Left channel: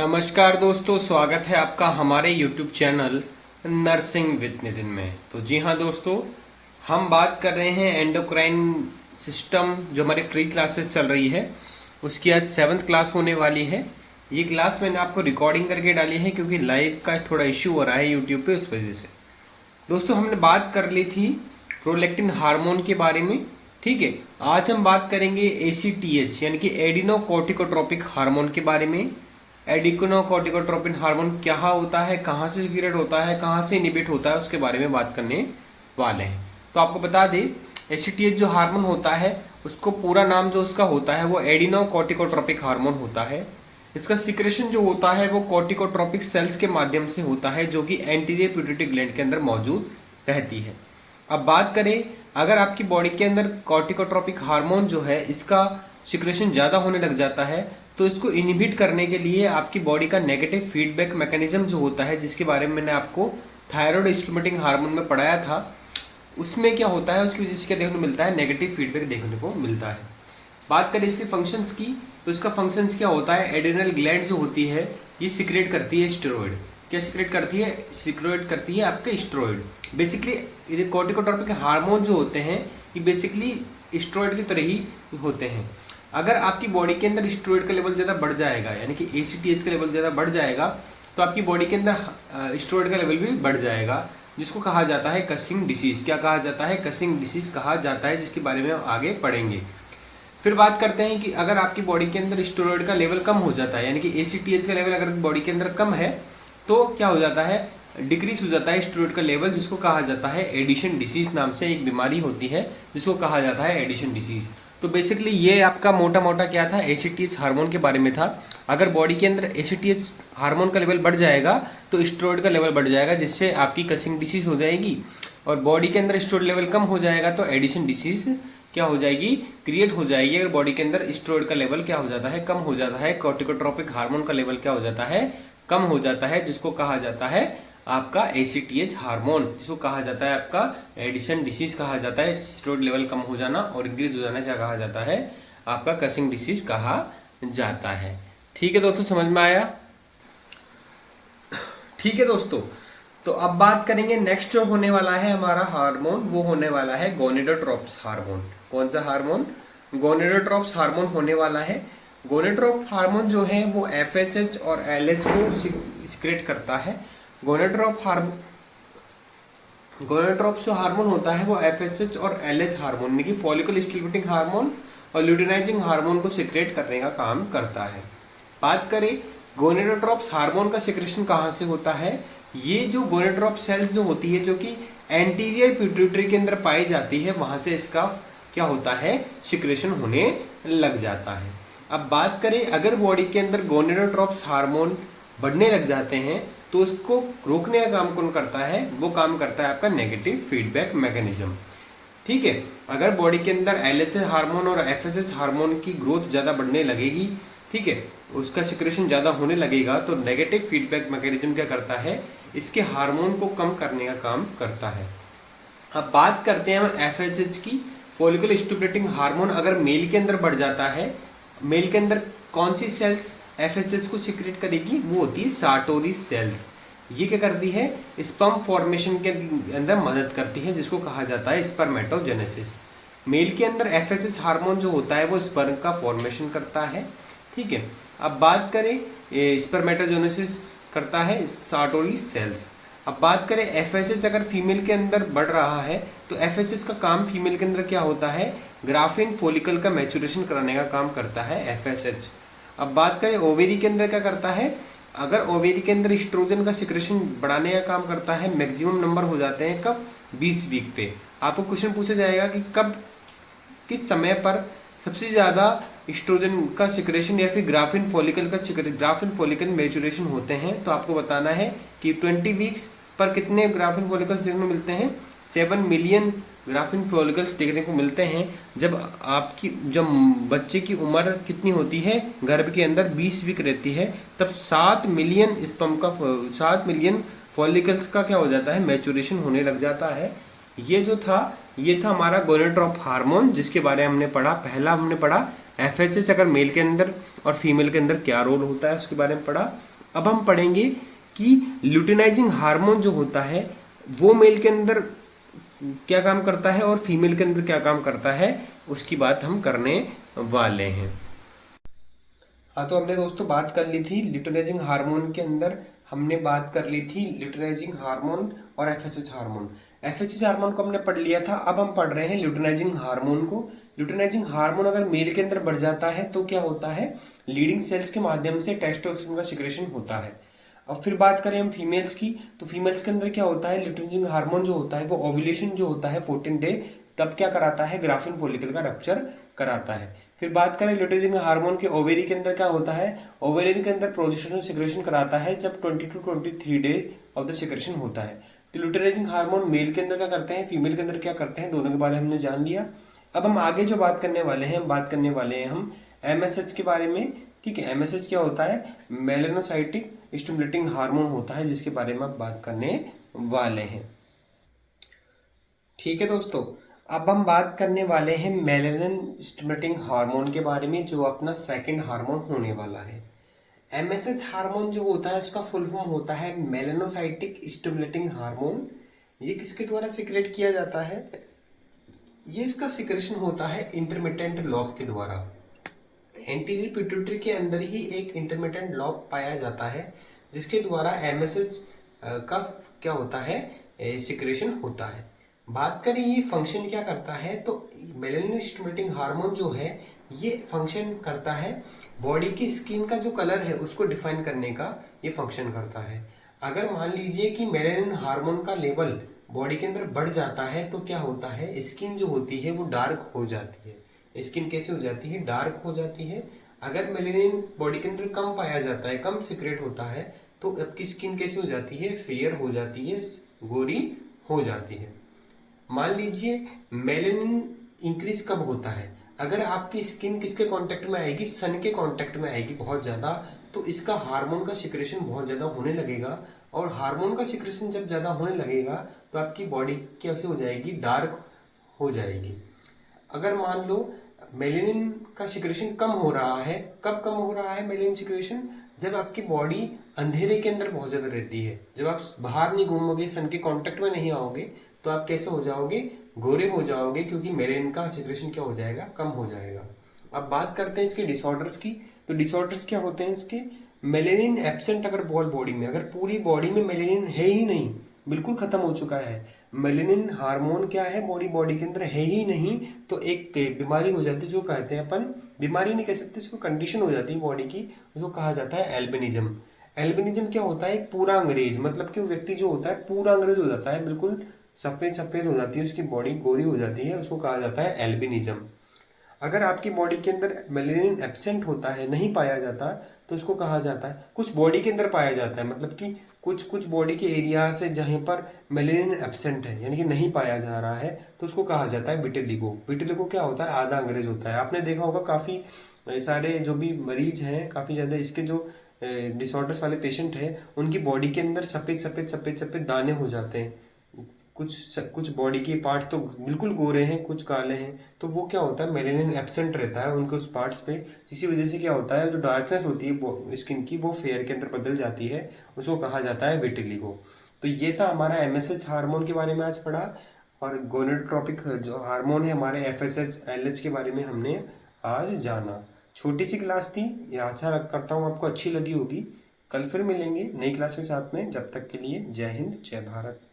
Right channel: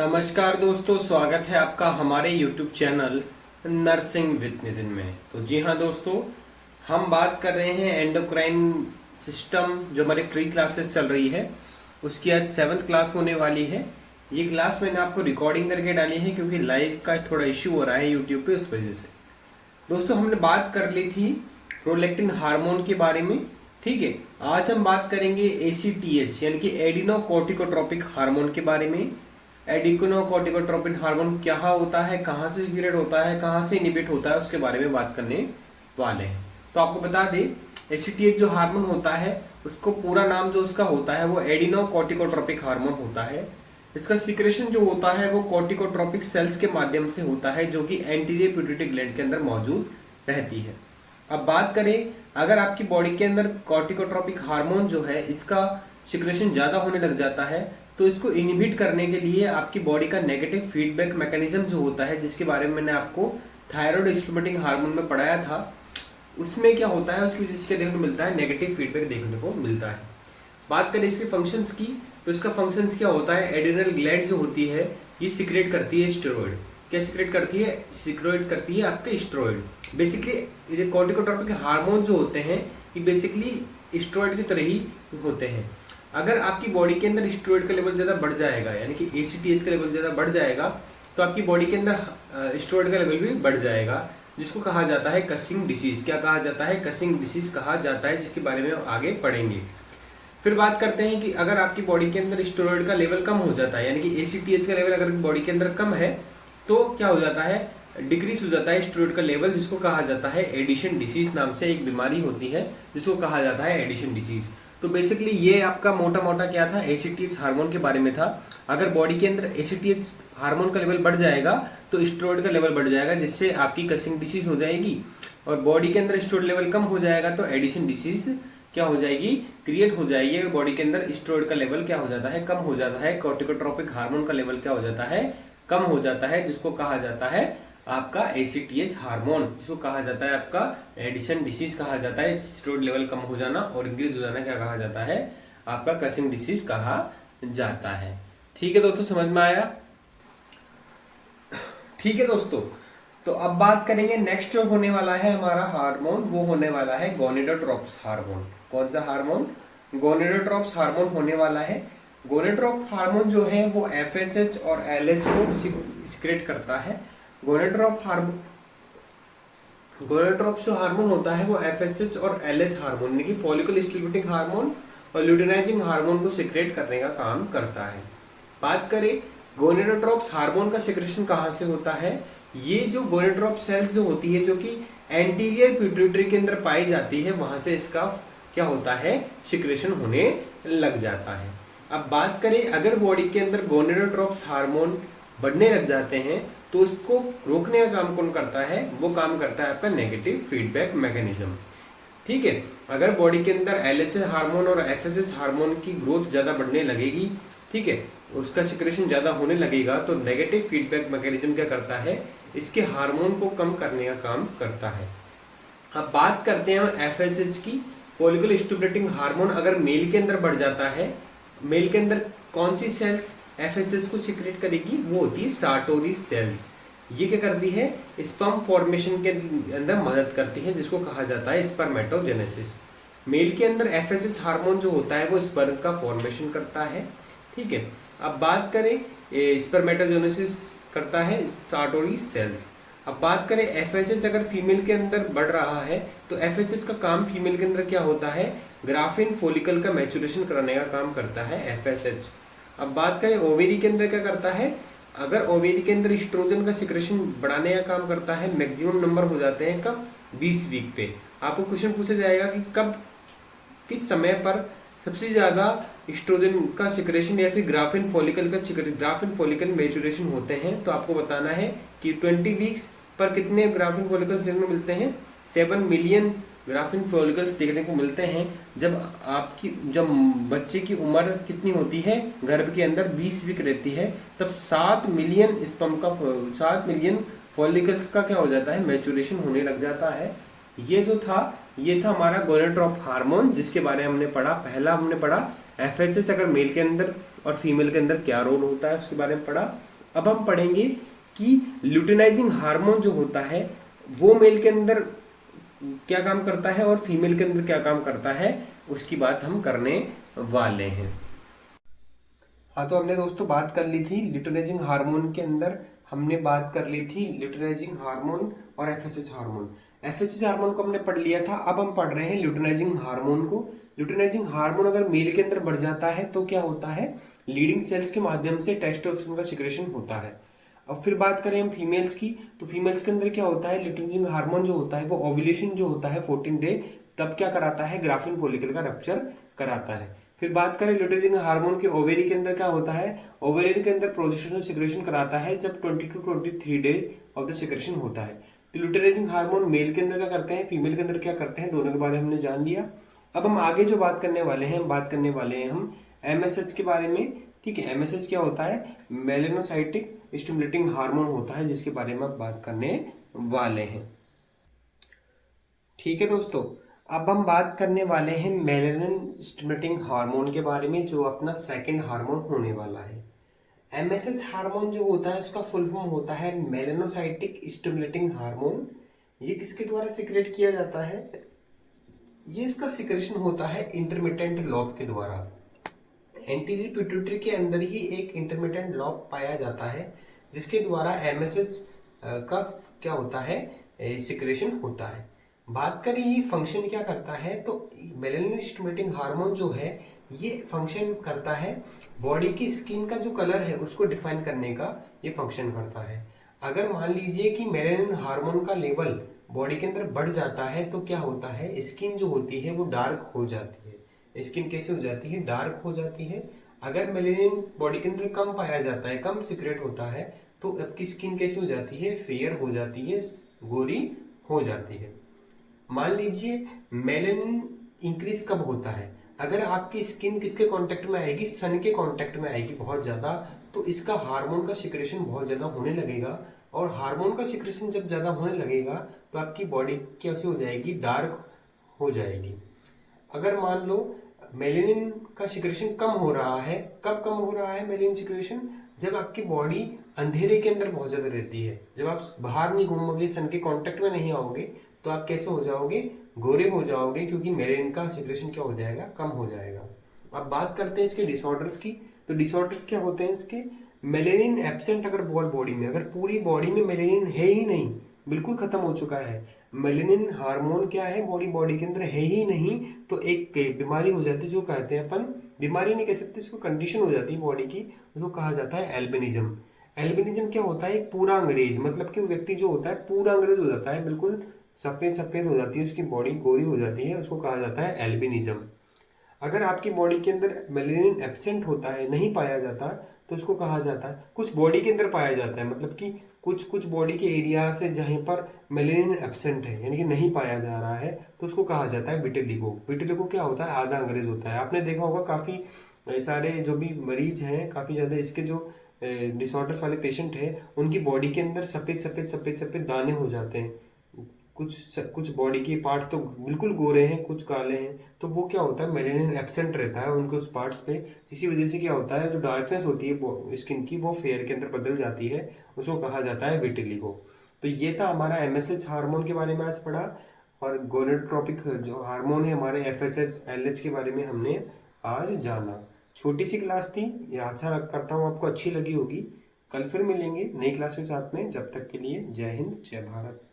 नमस्कार दोस्तों, स्वागत है आपका हमारे YouTube channel nursing with Nitin में। तो जी हाँ दोस्तों, हम बात कर रहे हैं एंडोक्राइन सिस्टम। जो हमारी फ्री क्लासेस चल रही है उसकी आज 7th क्लास होने वाली है। ये क्लास मैंने आपको रिकॉर्डिंग करके डाली है क्योंकि लाइव का थोड़ा इश्यू हो रहा है YouTube पे, उस वजह से। दोस्तों हमने बात कर ली थी प्रोलैक्टिन हार्मोन के बारे में, ठीक है। आज हम बात करेंगे ACTH यानी कि एडिनोकोर्टिकोट्रोपिक हार्मोन के बारे में। एडिनोकोर्टिकोट्रोपिक हार्मोन क्या होता है, कहाँ से सीक्रेट होता है, कहाँ से इनिबिट होता है, उसके बारे में बात करने वाले हैं। तो आपको बता दें, ACTH जो हार्मोन होता है उसको पूरा नाम जो उसका होता है वो एडिनोकोर्टिकोट्रोपिक हार्मोन होता है। इसका सिक्रेशन जो होता है वो कोर्टिकोट्रोपिक सेल्स के माध्यम से होता है, जो कि एंटीरियर पिट्यूटरी ग्लैंड के अंदर मौजूद रहती है। अब बात करें, अगर आपकी बॉडी के अंदर कोर्टिकोट्रोपिक हार्मोन जो है इसका सिक्रेशन ज़्यादा होने लग जाता है तो इसको इनहिबिट करने के लिए आपकी बॉडी का नेगेटिव फीडबैक मैकेनिज्म जो होता है, जिसके बारे में मैंने आपको थायराइड स्टिमुलेटिंग हार्मोन में पढ़ाया था, उसमें क्या होता है, उसकी वजह से क्या देखने को मिलता है, नेगेटिव फीडबैक देखने को मिलता है। बात करें इसके फंक्शंस की, तो इसका फंक्शंस क्या होता है, एड्रिनल ग्लैंड जो होती है ये सिक्रेट करती है स्टेरॉइड। क्या सिक्रेट करती है? सिक्रेट करती है आपके स्टेरॉइड। बेसिकली ये कोर्टिकोट्रोपिक हार्मोन जो होते हैं ये बेसिकली स्टेरॉइड की तरह ही होते हैं। अगर आपकी बॉडी के अंदर स्टेरॉइड का लेवल ज़्यादा बढ़ जाएगा, यानी कि ACTH का लेवल ज़्यादा बढ़ जाएगा, तो आपकी बॉडी के अंदर स्टेरॉइड का लेवल भी बढ़ जाएगा, जिसको कहा जाता है कसिंग डिसीज। क्या कहा जाता है? कसिंग डिसीज कहा जाता है, जिसके बारे में हम आगे पढ़ेंगे। फिर बात करते हैं कि अगर आपकी बॉडी के अंदर स्टेरॉइड का लेवल कम हो जाता है, यानी कि ACTH का लेवल अगर बॉडी के अंदर कम है तो क्या हो जाता है, डिक्रीज हो जाता है स्टेरॉइड का लेवल, जिसको कहा जाता है एडिशन डिसीज। नाम से एक बीमारी होती है जिसको कहा जाता है एडिशन डिसीज। तो बेसिकली ये आपका मोटा मोटा क्या था, ACTH हार्मोन के बारे में था। अगर बॉडी के अंदर ACTH हार्मोन का लेवल बढ़ जाएगा तो स्टेरॉइड का लेवल बढ़ जाएगा, जिससे आपकी कसिंग डिसीज हो जाएगी, और बॉडी के अंदर स्टेरॉइड लेवल कम हो जाएगा तो एडिशन डिसीज क्या हो जाएगी, क्रिएट हो जाएगी। अगर बॉडी के अंदर स्टेरॉइड का लेवल क्या हो जाता है, कम हो जाता है, कोर्टिकोट्रोपिक हार्मोन का लेवल क्या हो जाता है, कम हो जाता है, जिसको कहा जाता है आपका ACTH हार्मोन, जिसको कहा जाता है आपका एडिशन डिसीज कहा जाता है। स्टेरॉइड लेवल कम हो जाना और इंक्रीज हो जाना क्या कहा जाता है, आपका कसिंग डिसीज कहा जाता है। ठीक है दोस्तों, समझ में आया? ठीक है दोस्तों, तो अब बात करेंगे नेक्स्ट जो होने वाला है हमारा हार्मोन, वो होने वाला है गोनेडोट्रोप्स हार्मोन। कौन सा हार्मोन? गोनेडोट्रोप्स हार्मोन होने वाला है। गोनेडोट्रोप हार्मोन जो है वो FSH और LH को सिक्रेट करता है। गोनेडोट्रोप जो हार्मोन होता है वो FSH और LH हार्मोन यानी कि फॉलिकल स्टिमुलेटिंग हार्मोन और ल्यूटिनाइजिंग हार्मोन को सिक्रेट करने का काम करता है। बात करें गोनेडोट्रोप्स हार्मोन का सिक्रेशन कहाँ से होता है, ये जो गोनेडोट्रोप सेल्स जो होती है जो कि एंटीरियर पिट्यूटरी के अंदर पाई जाती है, वहां से इसका क्या होता है, सिक्रेशन होने लग जाता है। अब बात करें, अगर बॉडी के अंदर गोनेडोट्रोप्स हार्मोन बढ़ने लग जाते हैं तो उसको रोकने का काम कौन करता है, वो काम करता है आपका नेगेटिव फीडबैक मैकेनिज्म। ठीक है, अगर बॉडी के अंदर LH हार्मोन और FSH हार्मोन की ग्रोथ ज्यादा बढ़ने लगेगी, ठीक है, उसका सिक्रेशन ज्यादा होने लगेगा, तो नेगेटिव फीडबैक मैकेनिज्म क्या करता है, इसके हार्मोन को कम करने का काम करता है। अब बात करते हैं हम FSH की। फॉलिकल स्टिमुलेटिंग हार्मोन अगर मेल के अंदर बढ़ जाता है, मेल के अंदर कौन सी सेल्स FSH को सिक्रेट करेगी, वो होती है सार्टोरी सेल्स। ये क्या करती है, स्पर्म फॉर्मेशन के अंदर मदद करती है, जिसको कहा जाता है स्पर्मेटोजेनेसिस। मेल के अंदर FSH हार्मोन जो होता है वो स्पर्म का फॉर्मेशन करता है। ठीक है, अब बात करें स्पर्मेटोजेनेसिस करता है सार्टोरी सेल्स। अब बात करें FSH अगर फीमेल के अंदर बढ़ रहा है तो FSH का काम फीमेल के अंदर क्या होता है, ग्राफिन फॉलिकल का मैच्योरेशन कराने का काम करता है FSH। अब बात करें ओवेरी के अंदर क्या करता है, अगर ओवेरी के अंदर एस्ट्रोजन का सिक्रेशन बढ़ाने का काम करता है। मैक्सिमम नंबर हो जाते हैं कब, 20 वीक पे। आपको क्वेश्चन पूछा जाएगा कि कब, किस समय पर सबसे ज्यादा एस्ट्रोजन का सिक्रेशन या फिर ग्राफिन फॉलिकल मैच्योरेशन होते हैं, तो आपको बताना है कि 20 वीक्स पर कितने ग्राफिन फॉलिकल्स देखने को मिलते हैं, 7 मिलियन ग्राफिन फॉलिकल्स देखने को मिलते हैं। जब बच्चे की उम्र कितनी होती है, गर्भ के अंदर 20 वीक रहती है, तब 7 मिलियन फॉलिकल्स का क्या हो जाता है, मैच्योरेशन होने लग जाता है। ये था हमारा गोनेडोट्रोप हार्मोन, जिसके बारे में हमने पढ़ा। पहला हमने पढ़ा FSH अगर मेल के अंदर और फीमेल के अंदर क्या रोल होता है उसके बारे में पढ़ा। अब हम पढ़ेंगे कि ल्यूटिनाइजिंग हार्मोन जो होता है वो मेल के अंदर क्या काम करता है और फीमेल के अंदर क्या काम करता है, उसकी बात हम करने वाले हैं। हाँ, तो हमने दोस्तों बात कर ली थी ल्यूटिनाइजिंग हार्मोन के अंदर, हमने बात कर ली थी ल्यूटिनाइजिंग हार्मोन और FSH हार्मोन। FSH हार्मोन को हमने पढ़ लिया था। अब हम पढ़ रहे हैं ल्यूटिनाइजिंग हार्मोन को। ल्यूटिनाइजिंग हार्मोन अगर मेल के अंदर बढ़ जाता है तो क्या होता है, लीडिंग सेल्स के माध्यम से टेस्टोस्टेरोन का सिक्रेशन होता है। अब फिर बात करें हम फीमेल्स की, तो फीमेल्स के अंदर क्या होता है, ल्यूटिनाइजिंग हार्मोन जो होता है वो ओव्यूलेशन जो होता है 14 डे तब क्या कराता है, ग्राफिन फॉलिकल का रप्चर कराता है। फिर बात करें ल्यूटिनाइजिंग हार्मोन के ओवेरी के अंदर क्या होता है, ओवेरियन के अंदर प्रोजेस्टेरोन सिक्रेशन कराता है जब 20 to 23 day of the secretion होता है। तो ल्यूटिनाइजिंग हार्मोन मेल के अंदर क्या करते हैं, फीमेल के अंदर क्या करते हैं, दोनों के बारे में हमने जान लिया। अब हम आगे जो बात करने वाले हैं, बात करने वाले हैं हम MSH के बारे में। ठीक है, MSH क्या होता है, मेलानोसाइटिक स्टिमुलेटिंग हार्मोन होता है, जिसके बारे में अब बात करने वाले हैं। ठीक है दोस्तों, अब हम बात करने वाले हैं मेलानिन स्टिमुलेटिंग हार्मोन के बारे में, जो अपना सेकंड हार्मोन होने वाला है। MSH हार्मोन जो होता है उसका फुल फॉर्म होता है मेलानोसाइटिक स्टिमुलेटिंग हार्मोन। ये किसके द्वारा सिक्रेट किया जाता है, ये इसका सिक्रेशन होता है इंटरमिटेंट लॉब के द्वारा। एंटीरियर पिट्यूटरी के अंदर ही एक इंटरमिटेंट लॉब पाया जाता है जिसके द्वारा MSH का क्या होता है, सिक्रेशन होता है। बात करें ये फंक्शन क्या करता है, तो मेलानिन स्टिमुलेटिंग हार्मोन जो है ये फंक्शन करता है बॉडी की स्किन का जो कलर है उसको डिफाइन करने का ये फंक्शन करता है। अगर मान लीजिए कि मेलानिन हार्मोन का लेवल बॉडी के अंदर बढ़ जाता है तो क्या होता है, स्किन जो होती है वो डार्क हो जाती है। स्किन कैसे हो जाती है, डार्क हो जाती है। अगर मेलानिन बॉडी के अंदर कम पाया जाता है, कम सिक्रेट होता है, तो आपकी स्किन कैसे हो जाती है, फेयर हो जाती है, गोरी हो जाती है। मान लीजिए मेलानिन इंक्रीज कब होता है, अगर आपकी स्किन किसके कांटेक्ट में आएगी, सन के कांटेक्ट में आएगी बहुत ज्यादा, तो इसका हार्मोन का सिक्रेशन बहुत ज्यादा होने लगेगा। और हार्मोन का सिक्रेशन जब ज्यादा होने लगेगा तो आपकी बॉडी कैसे हो जाएगी, डार्क हो जाएगी। अगर मान लो मेलेनिन का सिक्रेशन कम हो रहा है, कब कम हो रहा है मेलेनिन सिक्रेशन, जब आपकी बॉडी अंधेरे के अंदर बहुत ज्यादा रहती है, जब आप बाहर नहीं घूमोगे, सन के कांटेक्ट में नहीं आओगे, तो आप कैसे हो जाओगे, गोरे हो जाओगे, क्योंकि मेलेनिन का सिक्रेशन क्या हो जाएगा, कम हो जाएगा। अब बात करते हैं इसके डिसऑर्डर्स की। तो डिसऑर्डर्स क्या होते हैं इसके, मेलेनिन एब्सेंट अगर बॉडी में, अगर पूरी बॉडी में मेलेनिन है ही नहीं, बिल्कुल खत्म हो चुका है, मेलेनिन हार्मोन क्या है बॉडी के अंदर है ही नहीं, तो एक बीमारी हो जाती है जो कहते हैं अपन, बीमारी नहीं कह सकते इसको, कंडीशन हो जाती है बॉडी की, उसको कहा जाता है एल्बिनिज्म। एल्बिनिज्म क्या होता है, एक पूरा अंग्रेज, मतलब कि वो व्यक्ति जो होता है पूरा अंग्रेज हो जाता है, बिल्कुल सफेद सफेद हो जाती है उसकी बॉडी, गोरी हो जाती है, उसको कहा जाता है एल्बिनिज्म। अगर आपकी बॉडी के अंदर मेलेनिन एब्सेंट होता है, नहीं पाया जाता, तो उसको कहा जाता है, कुछ बॉडी के अंदर पाया जाता है, मतलब कि कुछ कुछ बॉडी के एरिया से जहाँ पर मेलेनिन एब्सेंट है, यानी कि नहीं पाया जा रहा है, तो उसको कहा जाता है विटिलिगो। विटिलिगो क्या होता है, आधा अंग्रेज होता है। आपने देखा होगा काफी सारे जो भी मरीज हैं, काफी ज्यादा इसके जो डिसऑर्डर्स वाले पेशेंट हैं, उनकी बॉडी के अंदर सफेद सफेद सफेद सफेद दाने हो जाते हैं। कुछ बॉडी के पार्ट्स तो बिल्कुल गोरे हैं, कुछ काले हैं, तो वो क्या होता है, मेलेनिन एब्सेंट रहता है उनके उस पार्ट्स पे, जिसकी वजह से क्या होता है, जो डार्कनेस होती है स्किन की वो फेयर के अंदर बदल जाती है, उसको कहा जाता है विटिलिगो। तो ये था हमारा MSH हार्मोन के बारे में आज पढ़ा, और गोनेडोट्रोपिक जो हार्मोन है हमारे FSH LH के बारे में हमने आज जाना। छोटी सी क्लास थी ये, आशा करता हूँ आपको अच्छी लगी होगी। कल फिर मिलेंगे नई क्लास के साथ में, जब तक के लिए जय हिंद जय भारत।